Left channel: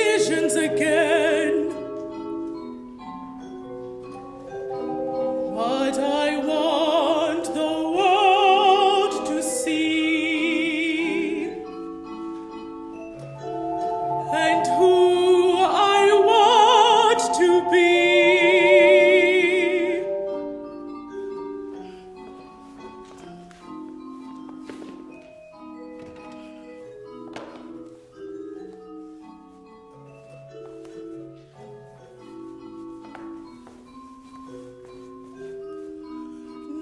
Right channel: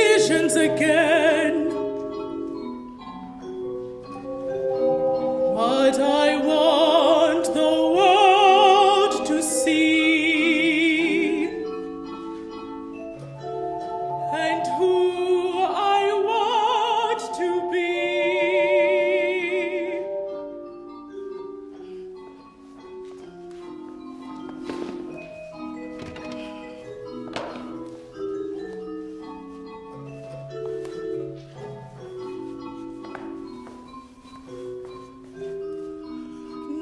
decisions again. But I want the world to see, and who I want to be.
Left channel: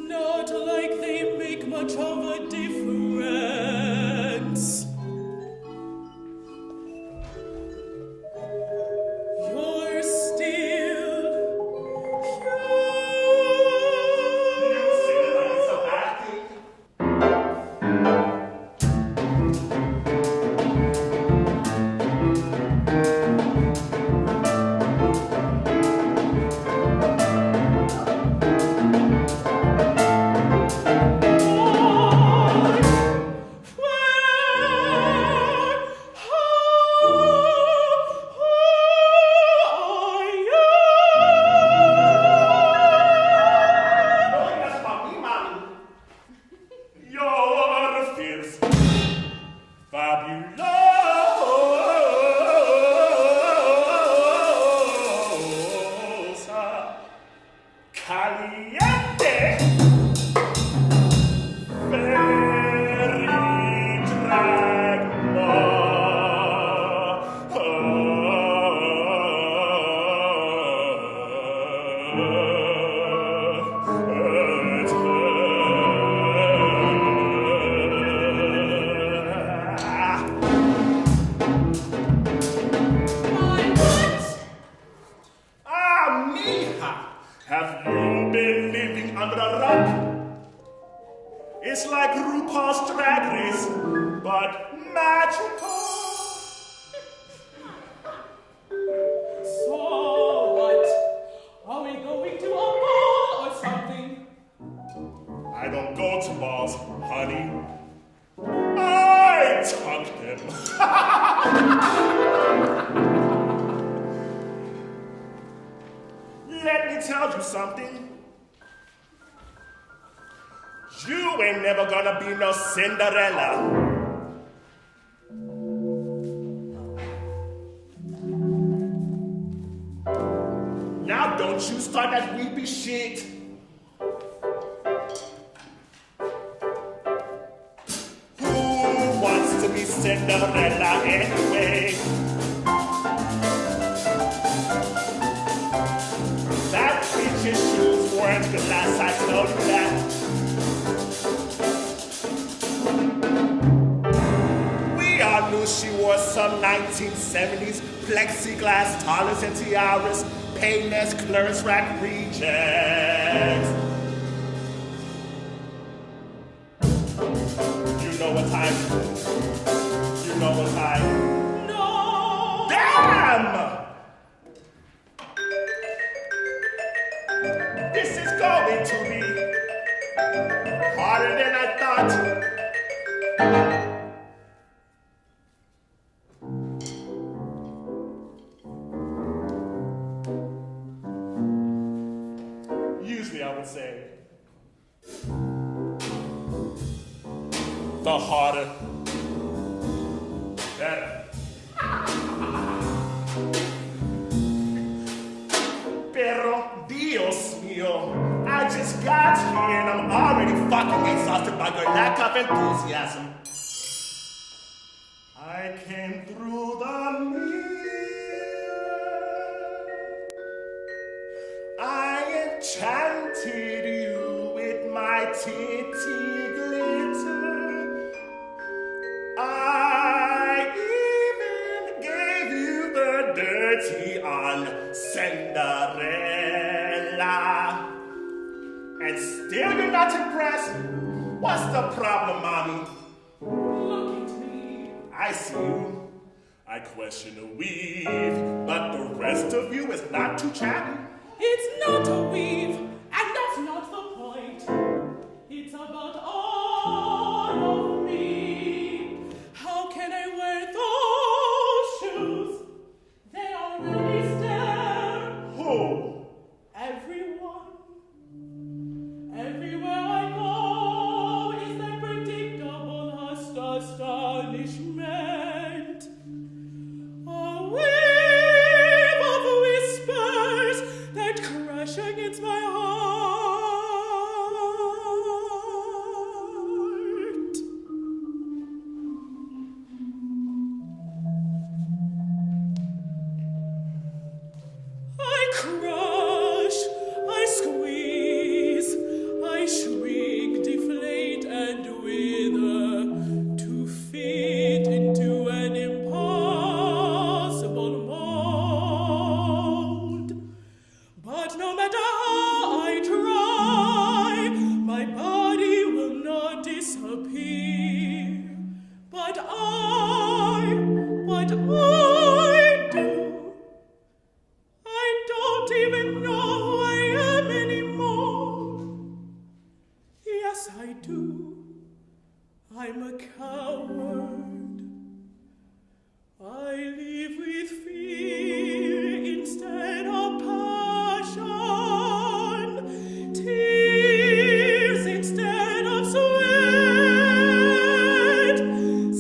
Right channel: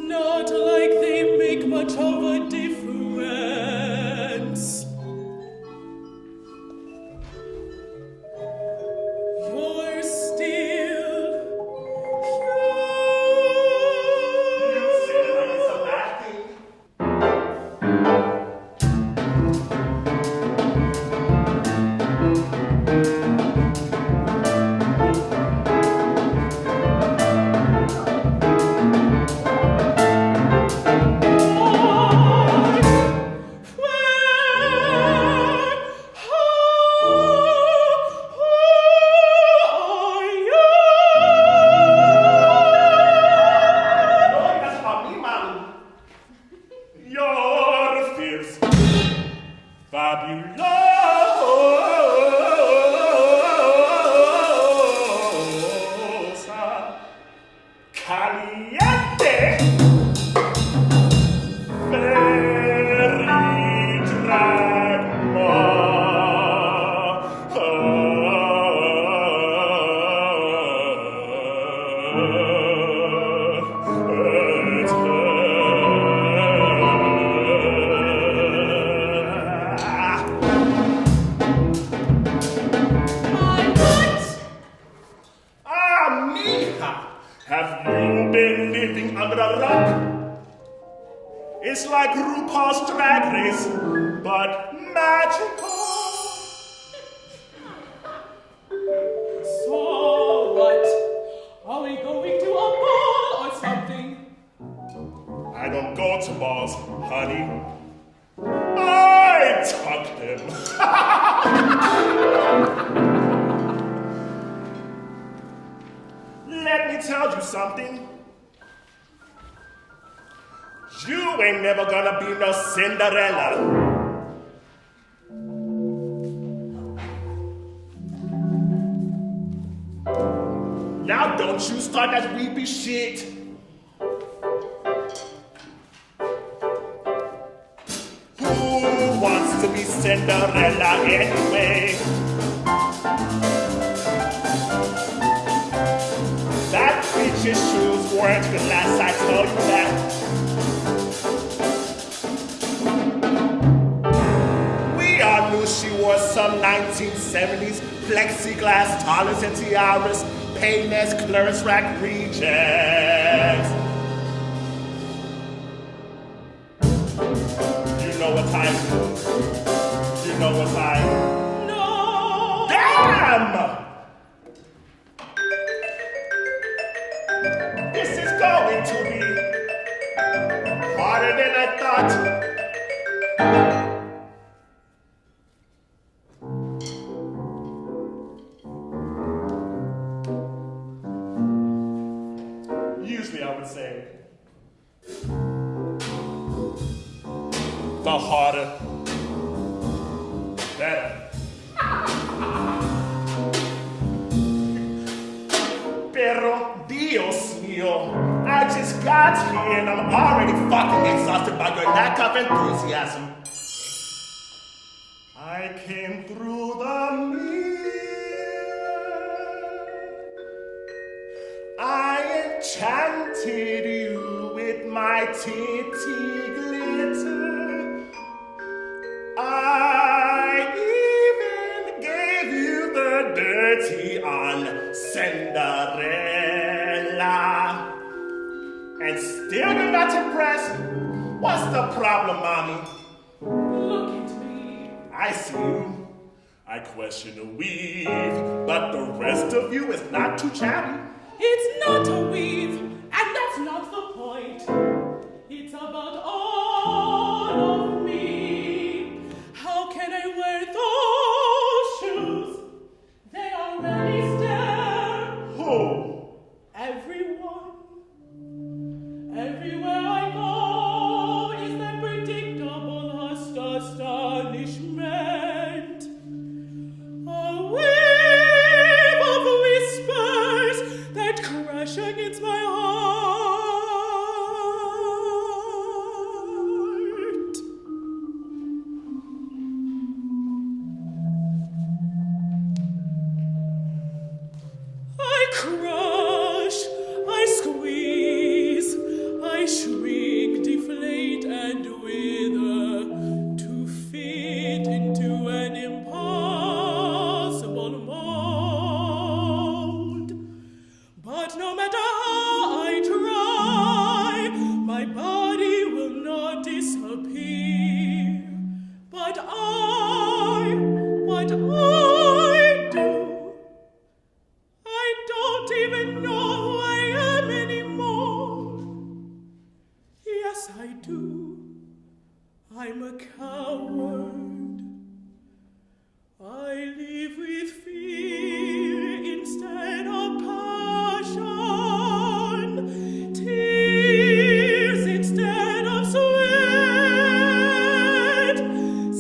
Not like they make much of a difference. You're still fabulosa, caliente, very have you been living under a rock? It's like RuPaul's Drag Race, but magical. So what? Are we going to a ball or something? I don't go to balls, honey. I tuck them. Let me tell you something. You ain't never gonna be no Cinderella. Now don't you start that weepy shit. Who wants to be Cinderella anyway? That bitch's shoes weren't glass, I tell you that. We all knew she wore some 1970s plexiglass toilets and tiaras, Payless clearance rack rejects. You know what time? You know what time? No! Damn! This is going to be harder than I thought. Usually I would say the harder, better. Pero Dios mío, I just got here and I'm already fucking exhausted by your lack of enthusiasm. I came through the mirror. I enchanted you with my titty glitter. I even gave you the dirty on Cinderella. And still you're not impressed? What's the problem, mommy? Look at me. I see you. I question the weave, but the rest of you is not too chatty. It's not a weave, and that's not the point. It's about all of me. How can I wear those shoes astonishment. A wave of whispers that crash against my heart. I crush, I squeeze, I shrink, deflate, and wither to fit into an impossible mold. But no matter how I try, my body will not disappear. But I do. I don't even know who I am anymore. Yes, I do. I'm a coward. I live with fear instead of passion, tears instead of sweat,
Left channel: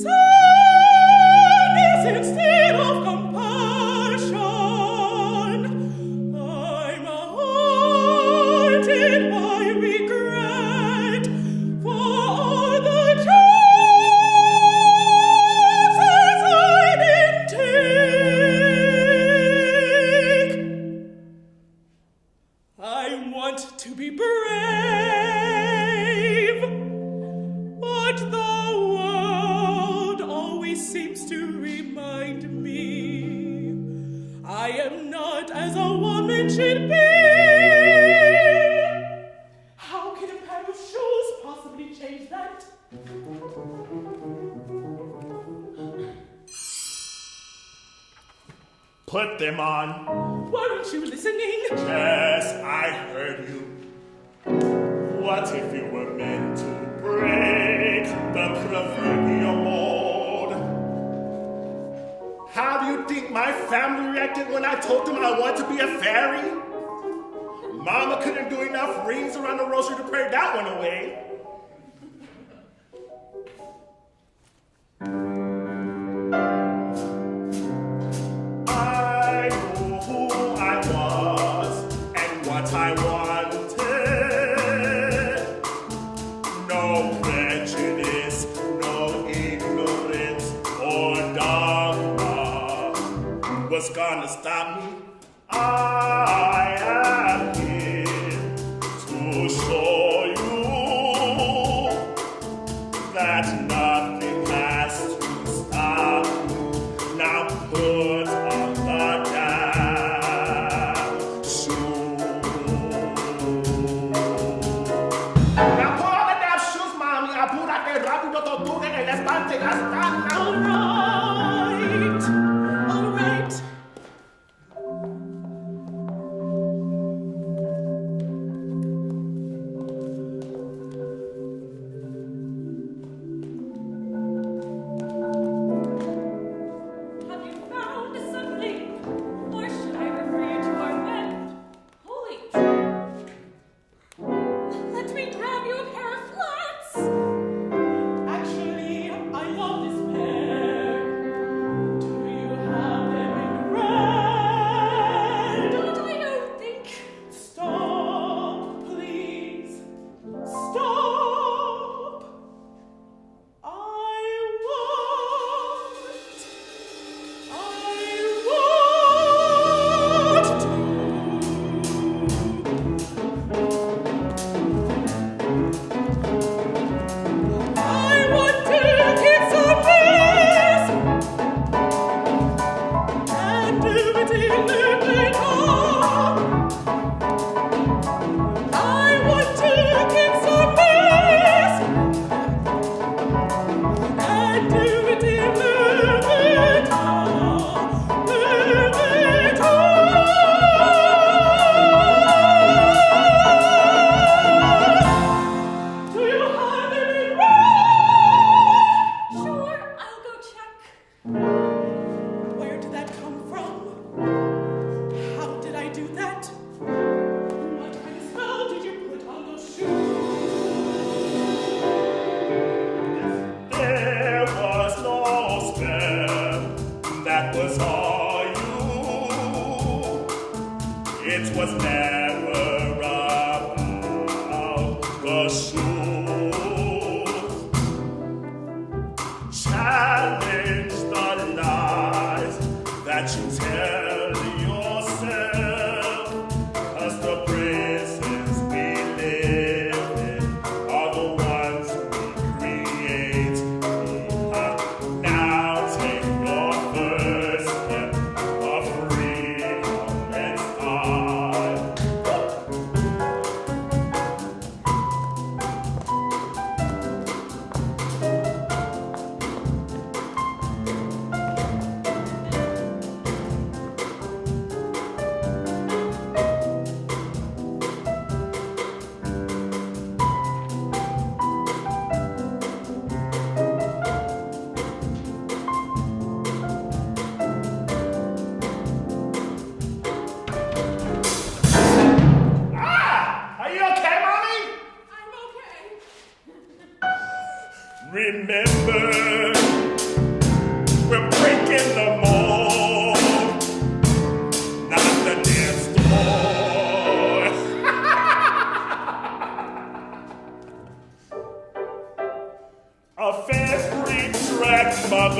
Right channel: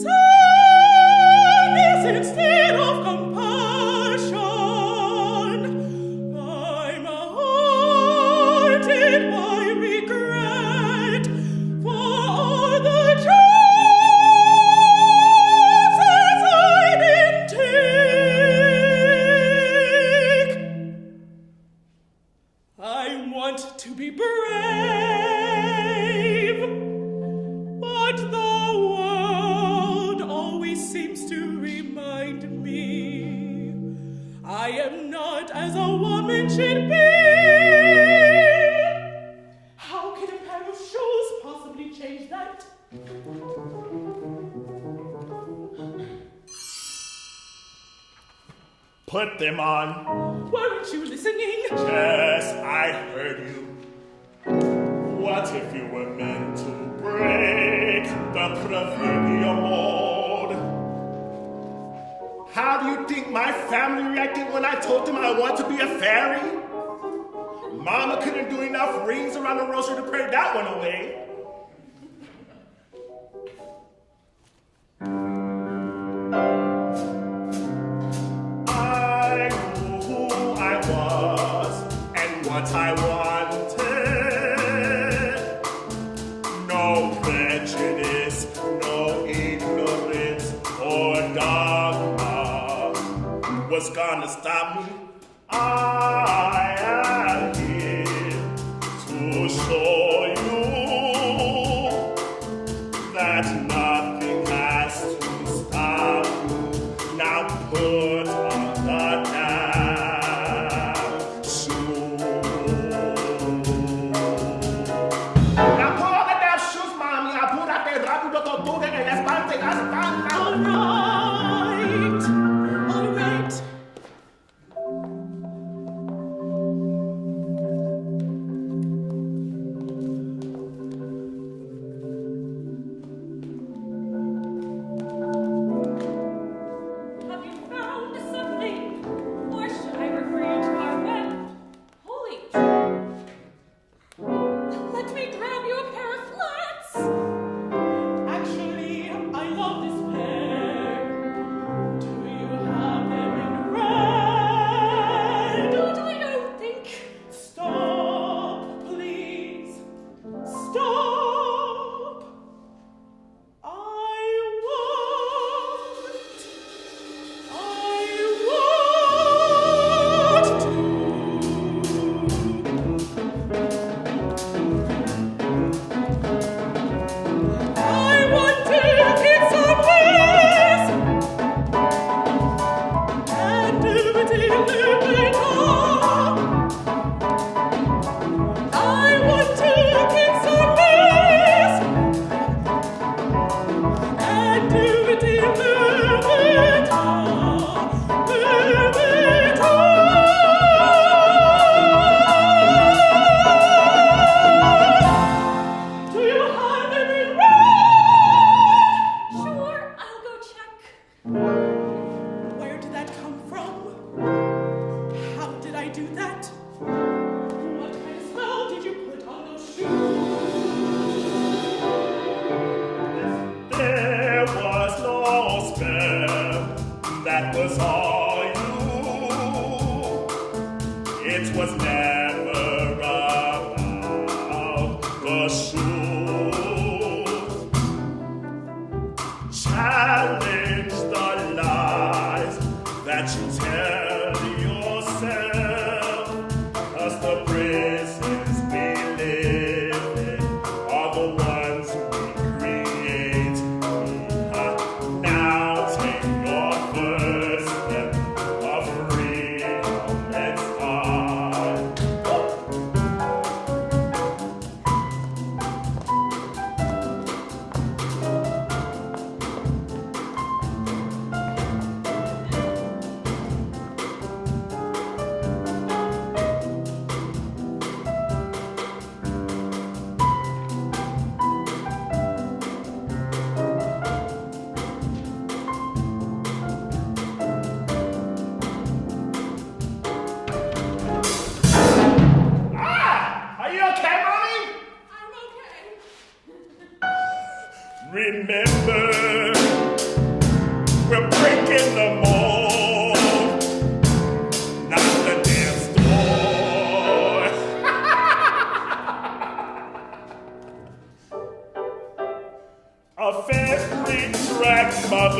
sadness instead of compassion. I'm haunted by regret for all the chances I didn't take. I want to be brave, but the world always seems to remind me I am not as a woman should be. How can a pair of shoes possibly change that? Put them on. Weren't you listening? Yes, I heard you. What if you were meant to break the proverbial mold? How do you think my family reacted when I told them I want to be a fairy? Mama couldn't do enough rings around the rosary to pray that one away. I knew who I was and what I wanted. No prejudice, no ignorance or dogma was gonna stop me. I am here to show you that nothing has to stop you. Now put on the damn shoes. Now put on the damn shoes, mommy. Apúrate rápido, tortuga, el estante ya está. All right. All right. Have you found something? Or should I refer you to our web? Holy! Let me grab you a pair of flats! Actually, I love this pair. Do you have them in red? What do I know? Think. Stop, please. Stop. I want to. I want to keep some peace and do it in the winter. I want to keep some peace and do it in the winter. Do you have them in red? Sure, I'll go check. Where did that come from? How did I do that? What kind of spell did you put on those shoes? There was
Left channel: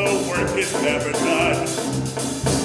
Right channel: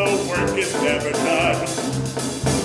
the work is never done.